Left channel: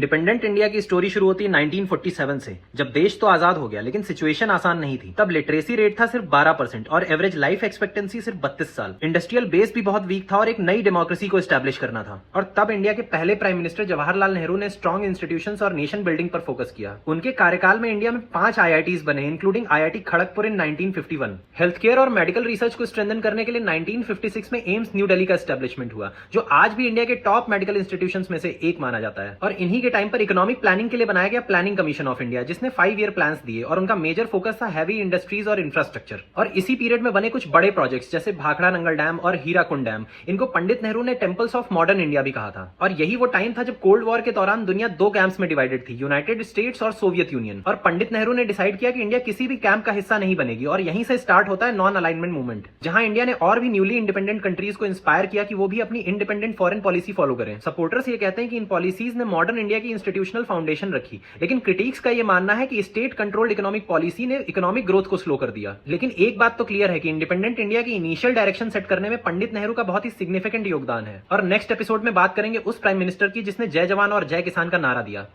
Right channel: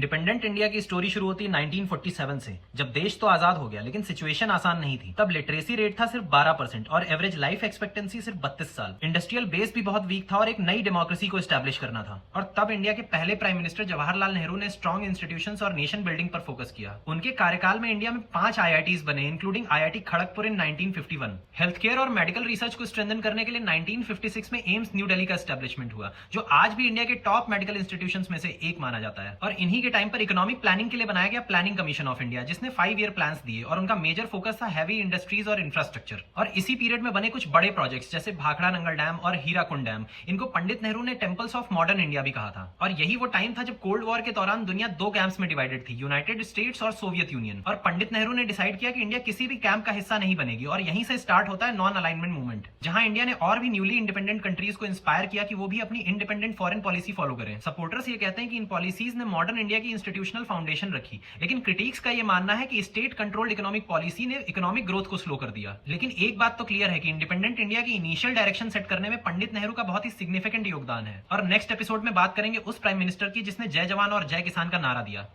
Independent India की story शुरू होती है 1947 से, जब देश तो आजाद हो गया लेकिन सिचुएशन आसान नहीं थी। तब लिटरेसी रेट था सिर्फ 12% और एवरेज लाइफ एक्सपेक्टेंसी सिर्फ 32 साल। इंडस्ट्रियल बेस भी बहुत वीक था और एक नई डेमोक्रेसी को एस्टैब्लिश करना था। और तब इंडिया के पहले प्राइम मिनिस्टर जवाहरलाल नेहरू ने स्ट्रॉन्ग इंस्टीट्यूशंस और नेशन बिल्डिंग पर फोकस किया। उनके कार्यकाल में इंडिया में 5 IITs बने, इंक्लूडिंग IIT खड़गपुर इन 1951। हेल्थ केयर और मेडिकल रिसर्च को स्ट्रेंथन करने के लिए 1956 में एम्स न्यू दिल्ली का एस्टैब्लिशमेंट हुआ, जो आज भी इंडिया के टॉप मेडिकल इंस्टीट्यूशंस में से एक माना जाता है। और इन्हीं के टाइम पर इकोनॉमिक प्लानिंग के लिए बनाया गया प्लानिंग कमीशन ऑफ इंडिया, जिसने 5 ईयर प्लान्स दिए और उनका मेजर फोकस था हैवी इंडस्ट्रीज और इंफ्रास्ट्रक्चर। और इसी पीरियड में बने कुछ बड़े प्रोजेक्ट्स जैसे भाखड़ा नंगल डैम और हीराकुंड डैम, इनको पंडित नेहरू ने टेम्पल्स ऑफ मॉडर्न इंडिया भी कहा था। और यही वो टाइम था जब कोल्ड वॉर के दौरान दुनिया 2 कैंप्स में डिवाइडेड थी, यूनाइटेड स्टेट्स और सोवियत यूनियन। और पंडित नेहरू ने डिसाइड किया कि इंडिया किसी भी कैंप का हिस्सा नहीं बनेगी और यहीं से स्टार्ट होता है नॉन अलाइनमेंट मूवमेंट, जहां इंडिया ने और भी न्यूली इंडिपेंडेंट कंट्रीज को इंस्पायर किया कि वो भी अपनी इंडिपेंडेंट फॉरेन पॉलिसी फॉलो करें। सपोर्टर्स ये कहते हैं कि इन पॉलिसीज ने मॉडर्न इंडिया की इंस्टीट्यूशनल फाउंडेशन रखी, लेकिन क्रिटिक्स का ये मानना है कि स्टेट कंट्रोल्ड इकोनॉमिक पॉलिसी ने इकोनॉमिक ग्रोथ को स्लो कर दिया। लेकिन एक बात तो क्लियर है कि इंडिपेंडेंट इंडिया की इनिशियल डायरेक्शन सेट करने में पंडित नेहरू का बहुत ही सिग्निफिकेंट योगदान है। और नेक्स्ट एपिसोड में बात करेंगे उस प्राइम मिनिस्टर की जिसने जय जवान और जय किसान का नारा दिया।